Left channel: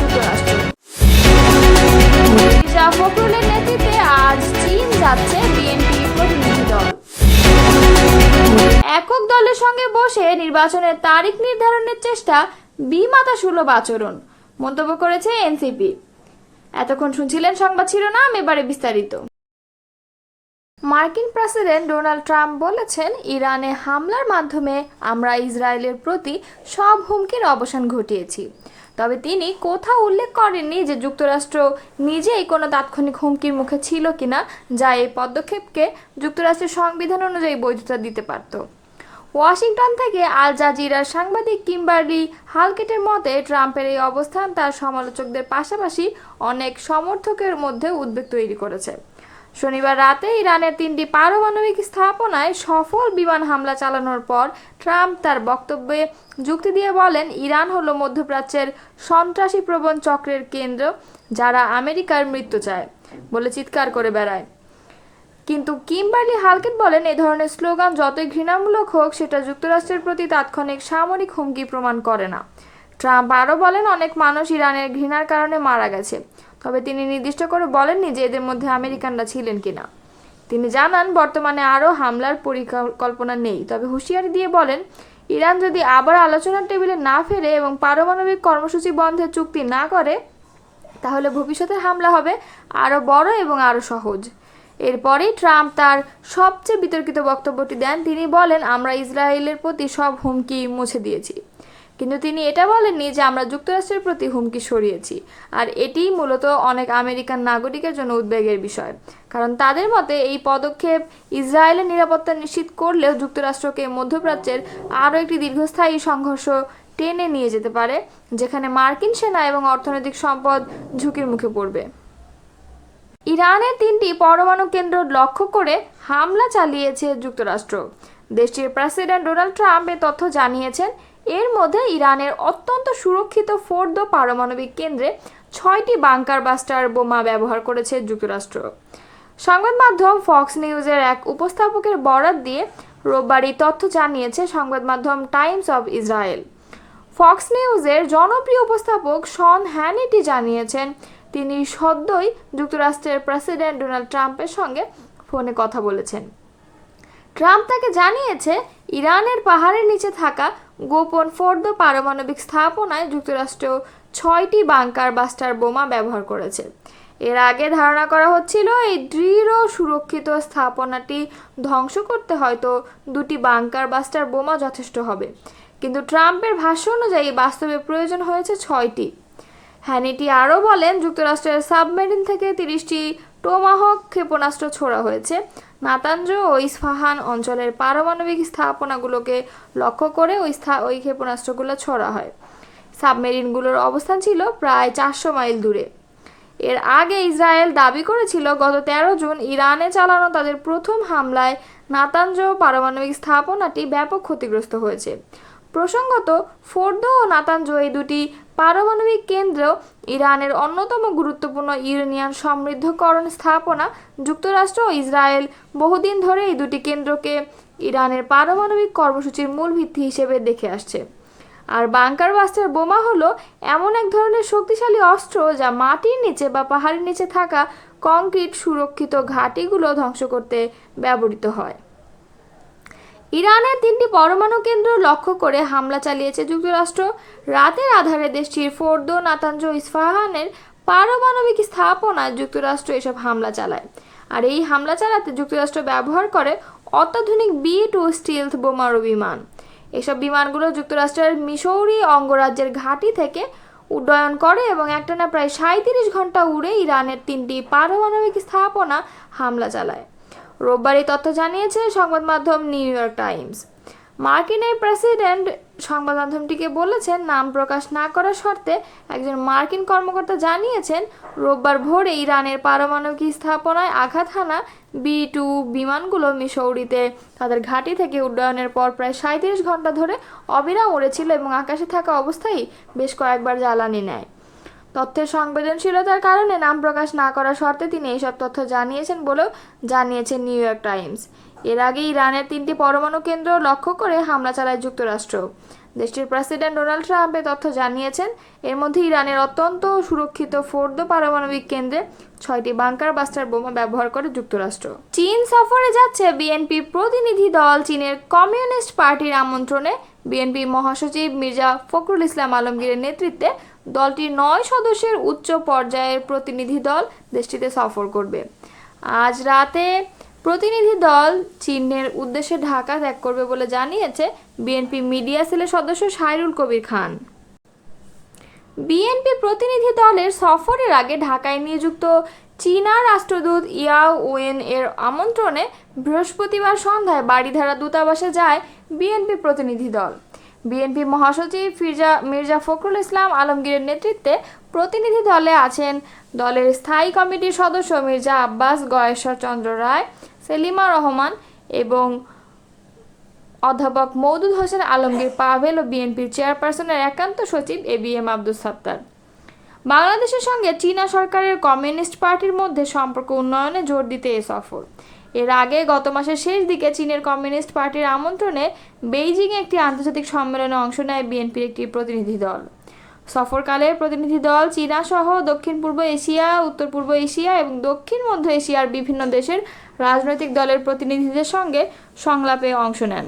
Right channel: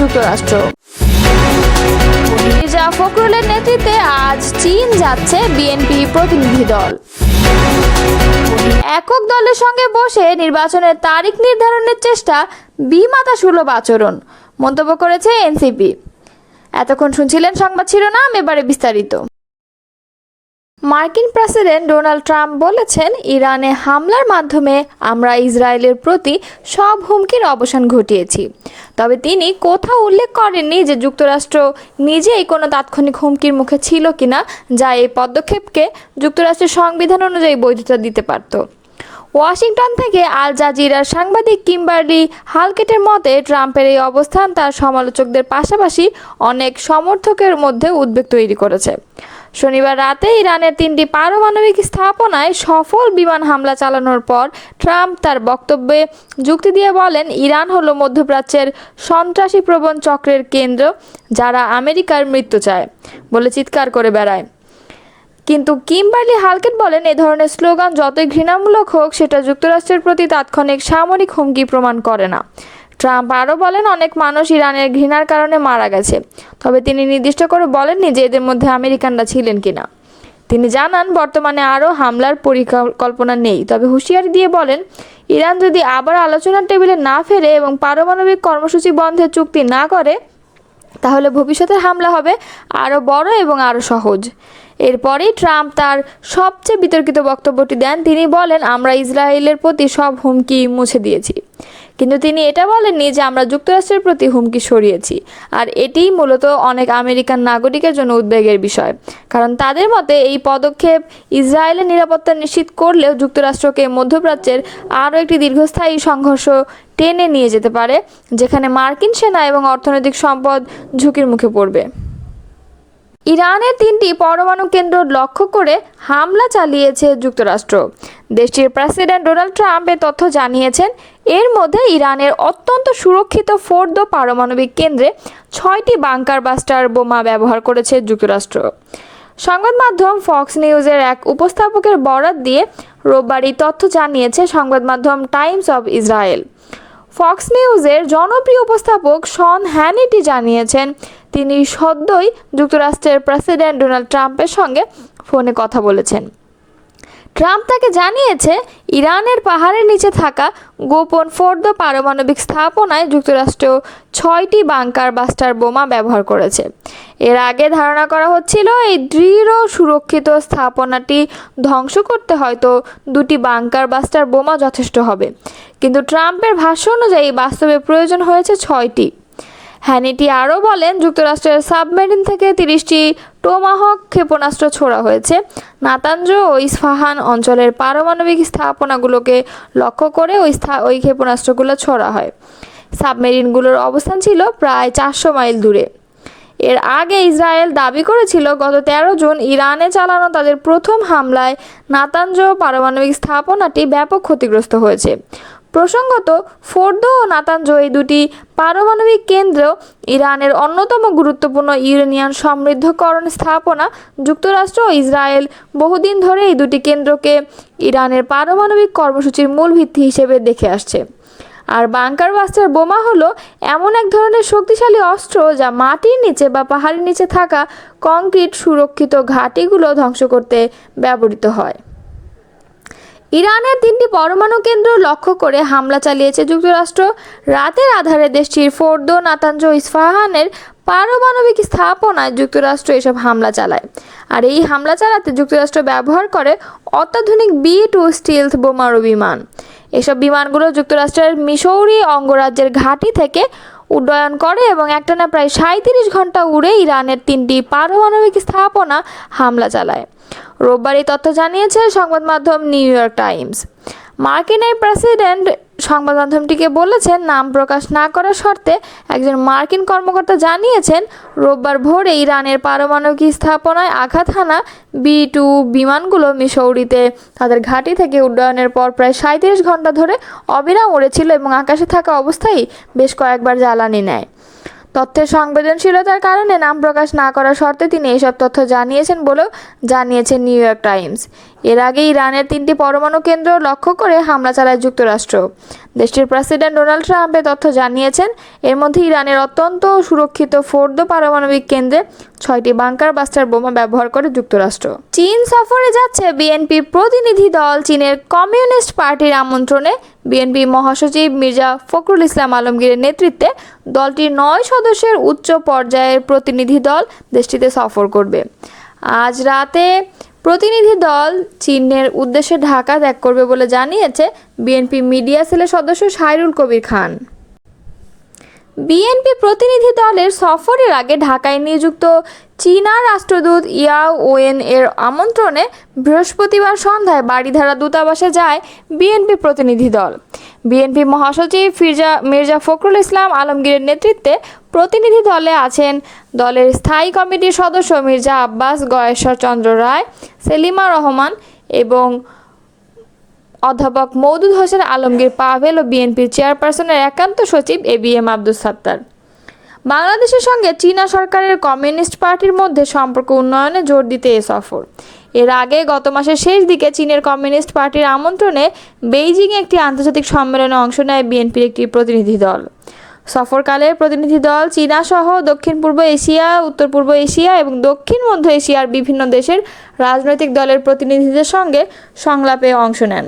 যুক্তরাষ্ট্র। মির্জা ফখরুলের নেতৃত্বে আজ চীন যাচ্ছে বিএনপি প্রতিনিধি দল। একক দলের সঙ্গে বসে নির্বাচনের তারিখ নির্ধারণের চেষ্টা বিমাতা সুলভ আচরণ, মন্তব্য করেছে এনসিপি। এতক্ষণ শুনছিলেন সংবাদ শিরোনাম, এবারে বিস্তারিত। মার্কিন প্রেসিডেন্ট ডোনাল্ড ট্রাম্প বলেছেন, ইরানে হামলার মাধ্যমে আমরা ইসরায়েলের প্রতি সব হুমকির অবসান ঘটিয়েছি। তবে তিনি কোথাও উল্লেখ করেননি যে যুক্তরাষ্ট্র নিজেই কোনো তাৎক্ষণিক হুমকির মুখে ছিল কিনা, যা এই পদক্ষেপকে যুক্তরাষ্ট্রের সংবিধান অনুযায়ী বৈধতা দিতে পারত। ওয়াশিংটন থেকে আল জাজিরার সাংবাদিক কিম্বার্লি হালকেটের মতে, ট্রাম্পের এই অবস্থান তার সমালোচকদের পাশাপাশি অনেক সমর্থকের মধ্যে উদ্বেগ তৈরি করেছে। শনিবার রাতে ইরানের তিনটি পারমাণবিক স্থাপনায় সফল বিমান হামলা চালানোর পর ট্রাম্প তার বক্তব্যে যুক্তি দিয়ে বলেন, ইরান হল মধ্যপ্রাচ্যের সন্ত্রাসী প্রবণ চক্রের কেন্দ্র যারা আমেরিকার মৃত্যু চায় বলে চিৎকার করে বেড়ায়। কিন্তু কিমবার্লি হালকেট বলেন, এ ধরনের স্লোগান যতই ঘৃণামূলক হোক, সেটা যুক্তরাষ্ট্রের প্রতি তাৎক্ষণিক সামরিক হুমকি প্রমাণ করে না। ট্রাম্প আরও বলেন, অনেক মানুষ ইরানের ঘৃণার কারণে মারা গেছে। তবে তিনি নির্দিষ্ট করে বলেননি যে এদের মধ্যে আমেরিকানরা ছিলেন কিনা। তিনি জানান, বর্তমানে আরও হামলার পরিকল্পনা নেই। তবে হুঁশিয়ারি দিয়ে বলেন, ইরান যদি আবার আলোচনার টেবিলে না ফেরে এবং পারমাণবিক কর্মসূচি বন্ধের চুক্তি না করে, তাহলে ভবিষ্যতের হামলা হবে আরও বড় এবং আরও সহজ। এরপরেই ট্রাম্প তার সবচেয়ে বিতর্কিত বক্তব্যটি দেন। তিনি বলেন, আমরা ইসরায়েলের প্রতি সব হুমকি মুছে দিয়েছি। কিন্তু তিনি এটা বলেননি যে আমরা যুক্তরাষ্ট্রের প্রতি হুমকি সরিয়েছি। আর এটিই মূলত অনেক আমেরিকান নাগরিকের জন্য উদ্বেগের বিষয়। কারণ তাদের মতে এই পদক্ষেপ ইসরায়েলের নিরাপত্তা নিশ্চিত করলেও যুক্তরাষ্ট্রকে মধ্যপ্রাচ্যের আরও একটি দীর্ঘস্থায়ী সংঘর্ষ টেনে নিয়ে যেতে পারে, যেখানে মার্কিন সেনা এবং অর্থনৈতিক সম্পদ ঝুঁকির মুখে পড়বে। ইরানের তিনটি পরমাণু কেন্দ্র লক্ষ্য করে হামলা চালিয়েছে যুক্তরাষ্ট্র। দেশটির প্রেসিডেন্ট ডোনাল্ড ট্রাম্প এ তথ্য জানিয়েছেন এর মধ্যে ইরানের অত্যন্ত সুরক্ষিত ফোর্দো পারমাণবিক কেন্দ্রে ছয়টি বাংকার বাস্টার বোমা ব্যবহার করেছে যুক্তরাষ্ট্র। সংবাদ মাধ্যম ফক্স নিউজের এক উপস্থাপকের বরাত দিয়ে রোববার তথ্য জানিয়েছে সংবাদ মাধ্যম টাইমস অব ইসরায়েল। ফক্স নিউজের জনপ্রিয় উপস্থাপক শন হ্যানিটি জানিয়েছেন, তিনি সদ্যই যুক্তরাষ্ট্রের প্রেসিডেন্ট ডোনাল্ড ট্রাম্পের সঙ্গে ফোনে কথা বলেছেন। ট্রাম্প তাকে জানিয়েছে, ইরানের পাহাড়ের নিচে থাকা গোপন ফোর্দ পারমাণবিক স্থাপনায় যুক্তরাষ্ট্র ছয়টি বাংকার বাস্টার বোমা ব্যবহার করেছে। এর আগে ধারণা করা হচ্ছিল, এই দৃঢ় সুরক্ষিত স্থাপনাটি ধ্বংস করতে হয়তো দুটি বাংকার বাস্টার বোমা যথেষ্ট হবে। কিন্তু ট্রাম্পের ভাষ্য অনুযায়ী বাস্তবে প্রয়োজন হয়েছে ছয়টি। হ্যানিটি আরও বলেন, যুক্তরাষ্ট্রের সাবমেরিন থেকে তিরিশটি টোমাহক ক্ষেপণাস্ত্র ছোড়া হয়েছে। নাতাঞ্জ ও ইস্ফাহান অঞ্চলের পারমাণবিক স্থাপনাগুলোকে লক্ষ্য করে ওই ওই ক্ষেপণাস্ত্রগুলো ছোড়া হয়। সাবমেরিনগুলোর অবস্থান ছিল প্রায় চারশো মাইল দূরে। এর আগে ইসরায়েল দাবি করেছিল, গত তেরো জুন ইরানে চালানো তাদের প্রথম হামলায় নাতাঞ্জ পারমাণবিক স্থাপনাটি ব্যাপক ক্ষতিগ্রস্ত হয়েছে। প্রসঙ্গত, ফোর্দো ও নাতাঞ্জ এই দুটি পারমাণবিক কেন্দ্র ইরানের অন্যতম গুরুত্বপূর্ণ ইউরেনিয়ান সমৃদ্ধকরণ স্থাপনা যুক্তরাষ্ট্র ও ইসরায়েল বহুদিন ধরে এই দুটি কেন্দ্রকে ইরানের পারমাণবিক কর্মসূচির মূল ভিত্তি হিসেবে দেখে আসছে। আর বাংকার বাস্টার বোমা হলো এমন এক ধরনের শক্তিশালী অস্ত্র যা মাটির নিচে বা পাহাড়ের নিচে থাকা কংক্রিট সুরক্ষিত ঘাঁটিগুলো ধ্বংস করতে ব্যবহৃত হয়। ইরানের তিনটি পরমাণু কেন্দ্র লক্ষ্য করে হামলা চালিয়েছে যুক্তরাষ্ট্র। রাতের আধারে দেশটির ফোর্দো নাতাঞ্জ ইস্ফাহানের পারমাণবিক স্থাপনায় যুক্তরাষ্ট্র এসব হামলা চালায়। আর এই হামলা চালাতে যুক্তরাষ্ট্র ব্যবহার করে অত্যাধুনিক বি টু স্টিলথ বোমারু বিমান। এসব বিমানগুলো যুক্তরাষ্ট্রের মিসৌরি অঙ্গরাজ্যের ঘাঁটি থেকে উড্ডয়ন করে এবং একটানা প্রায় সাঁত্রিশ ঘণ্টা উড়ে ইরানের তিনটি পারমাণবিক স্থাপনা হামলা চালায়। রোববার এই তথ্য জানিয়েছে সংবাদ মাধ্যম নিউ ইয়র্ক টাইমস। মার্কিন এই প্রেসিডেন্ট সংবাদ মাধ্যমটিকে বলেছেন, নাম প্রকাশ না করার শর্তে একজন মার্কিন কর্মকর্তা জানিয়েছেন, রোববার ভোরে ইরানের পারমাণবিক স্থাপনায় আঘাত হানা বি টু বিমানগুলো মিসৌরিতে তাদের ঘাঁটি থেকে উড্ডয়নের পর প্রায় সাঁত্রিশ ঘণ্টা ধরে অবিরাম উড়েছিল এবং আকাশে থাকা অবস্থায় বেশ কয়েকবার জ্বালানি নেয়। তথ্যের সংবেদনশীলতার কারণে নাম প্রকাশ না করার শর্তে তিনি এসব তথ্য জানিয়েছেন বলেও জানিয়েছে নিউ ইয়র্ক টাইমস। এর আগে ইরানের তিনটি পরমাণু কেন্দ্র লক্ষ্য করে হামলা চালায় যুক্তরাষ্ট্র। দেশটির প্রেসিডেন্ট ডোনাল্ড ট্রাম্প তথ্য জানিয়েছেন, এর মধ্যে ইরানের অত্যন্ত সুরক্ষিত ফোর্দো পারমাণবিক কেন্দ্রে ছয়টি বাংকার বাস্টার বোমা ব্যবহার করে যুক্তরাষ্ট্র। চীন সফরে যাচ্ছে বিএনপি প্রতিনিধি দল, চীনের কমিউনিস্ট পার্টির আমন্ত্রণে। বিএনপি মহাসচিব মির্জা ফখরুল ইসলাম আলমগীরের নেতৃত্বে দলটির নয় সদস্যের উচ্চ পর্যায়ের প্রতিনিধি দল দেশটিতে সফর করবে। আজ রাতে প্রতিনিধি দল চীনের উদ্দেশ্যে ঢাকা ত্যাগ করবে বলে জানিয়েছে বিএনপি মিডিয়া সেলের সদস্য সাইরুল কবির খান। বিএনপি প্রতিনিধি দলের সফরের আগে ঢাকায় নিযুক্ত চীনা রাষ্ট্রদূত ইয়া ওয়েন এর আমন্ত্রণে বৃহস্পতিবার সন্ধ্যায় বাড়িধারা দূতাবাসে যায় বিএনপি প্রতিনিধি দল। বিএনপি মহাসচিব ফিরজা মির্জা ফখরুল ইসলাম আলমগীরের নেতৃত্বে প্রতিনিধি দলে আছেন দলের স্থায়ী কমিটির সদস্য মির্জা আব্বাস, গয়েশ্বর চন্দ্র রায়, সেলিমা রহমান এবং অধ্যাপক মৌদুদ হোসেন আলমগীর পাভেল ও বিএনপির চেয়ারপারসনের একান্ত সচিব A B M Abdul Sattar. বাংলাদেশের সঙ্গে চীনা সরকারের কমিউনিস্ট পার্টির মধ্যে সম্পর্ক উন্নয়নে জোর দিতে এ সফর। এর আগে গত মাসের শেষ দিকে চীনের কমিউনিস্ট পার্টির আমন্ত্রণে বেইজিংয়ে একটি আন্তর্জাতিক সম্মেলনে অংশ নেয় বিএনপির একটি প্রতিনিধি দল। সফরকালে প্রতিনিধি দল চীনা সহ দক্ষিণ পূর্ব এশিয়া, উত্তর পূর্ব এশিয়া এবং দক্ষিণ মধ্য এশিয়ার বিভিন্ন দেশের রাজনৈতিক দলের প্রতিনিধিদের সঙ্গে সংলাপে অংশ নেন।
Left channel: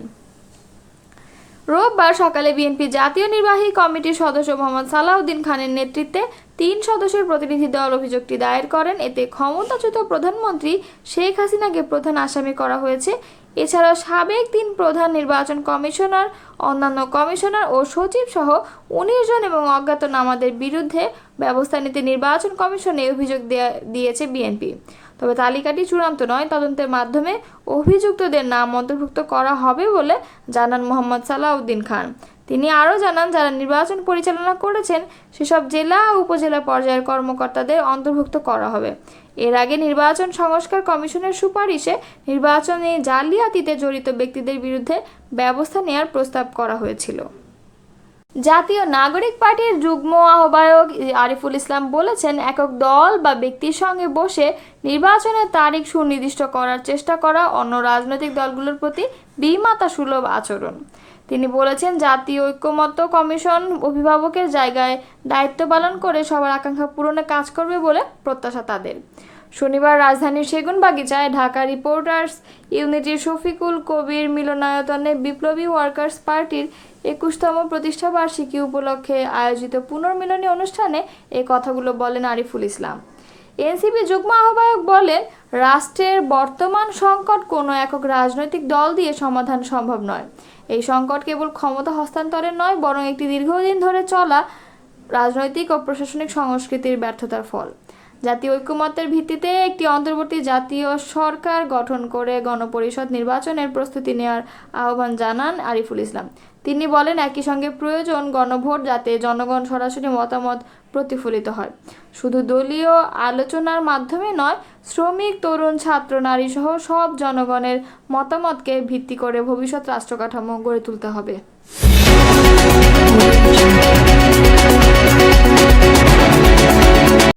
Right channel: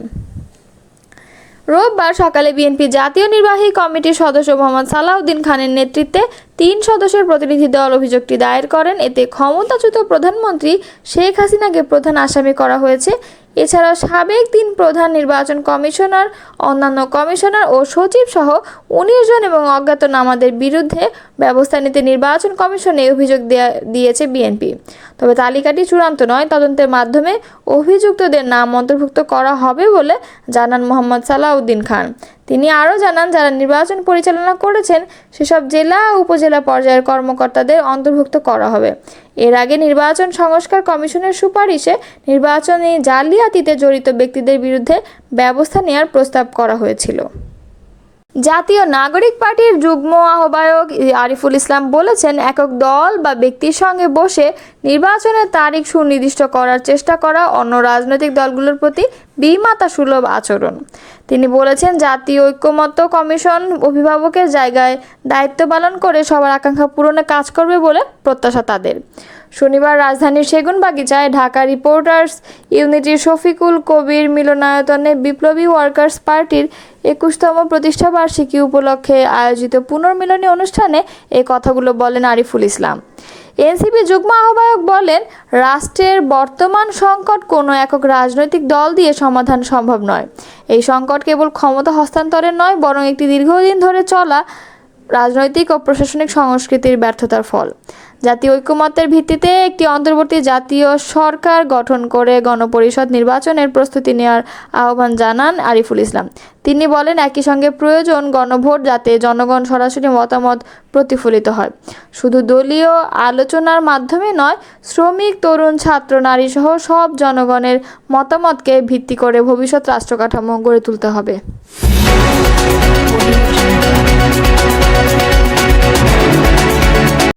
রোববার সকালে বিএনপি জাতীয় নির্বাহী কমিটির সদস্য মোহাম্মদ সালাউদ্দিন খানের নেতৃত্বে তিন সদস্যের প্রতিনিধি দল অভিযোগটি দায়ের করেন। এতে ক্ষমতাচ্যুত প্রধানমন্ত্রী শেখ হাসিনাকে প্রধান আসামি করা হয়েছে। এছাড়াও সাবেক তিন প্রধান নির্বাচন কমিশনার, অন্যান্য কমিশনার ও সচিব সহ উনিশ জন এবং অজ্ঞাতনামাদের বিরুদ্ধে ব্যবস্থা নিতে নির্বাচন কমিশনে অভিযোগ দেয়া- দিয়েছে বিএনপি। তবে তালিকাটি চূড়ান্ত নয়। তদন্তের মাধ্যমে অভিযুক্তদের নাম অন্তর্ভুক্ত করা হবে বলে জানান মোহাম্মদ সালাউদ্দিন খান। তিনি আরও জানান, যারা নির্বাচন পরিচালনা করেছেন, সেসব জেলা ও উপজেলা পর্যায়ের কর্মকর্তাদের অন্তর্ভুক্ত করা হবে। এর আগে নির্বাচন সংস্কার কমিশনের সুপারিশে নির্বাচনে জালিয়াতিতে জড়িত ব্যক্তিদের বিরুদ্ধে ব্যবস্থা নেওয়ার প্রস্তাব করা হয়েছিল। জাতীয় নাগরিক পার্টির যুগ্ম আহ্বায়ক আরিফুল ইসলাম বলেছেন, একক দল বা ব্যক্তির সঙ্গে বসে নির্বাচনের তারিখ সুনির্দিষ্ট করার চেষ্টা করা অন্য রাজনৈতিক দলগুলোর প্রতি বিমাতা সুলভ আচরণ। তিনি বলেছেন, জাতীয় ঐক্যমত্য কমিশন অভিভাবকের জায়গায় দায়িত্ব পালন করে সবার আকাঙ্ক্ষা পূরণে কাজ করবে বলে প্রত্যাশা তাদের। শনিবার রাজধানীর সেগুনবাগিচায় ঢাকা রিপোর্টার্স ইউনিটির শফিকুল কবির মিলনায়তনে বিপ্লবী ওয়ার্কার্স পার্টির একুশতম প্রতিষ্ঠাবার্ষিকী উপলক্ষে আয়োজিত পুনর্মিলনী অনুষ্ঠানে এই কথাগুলো বলেন আরিফুল ইসলাম। এনসিপি যুগ্ম আহ্বায়ক বলেন, রাষ্ট্রের বর্তমান সংকট কোনো একক রাজনৈতিক দল দিয়ে সমাধান সম্ভব নয়। এই সংকট কেবল ক্ষমতা হস্তান্তরের নয়, বরং একটি দীর্ঘদিন ধরে চলা রাজনৈতিক ও প্রশাসনিক সংস্কৃতির ব্যর্থতার ফল। জাতীয় ঐক্যমত্যের ভিত্তিতে একটি অন্তর্বর্তী জাতীয় সরকার গঠন করে গণপরিষদ নির্বাচনের প্রস্তুতি নেওয়ার আহ্বান জানান আরিফুল ইসলাম। তিনি বলেন, একই সঙ্গে প্রয়োজন গণভোট যাতে জনগণ সরাসরি মতামত প্রতিফলিত হয়। শুধু দলীয় আলোচনার মাধ্যমে নয়, শ্রমিক, তরুণ, ছাত্র নারী সহ সব জনগণের মতামতকে ভিত্তি করে ভবিষ্যৎ রাষ্ট্র কাঠামো গড়ে তুলতে হবে।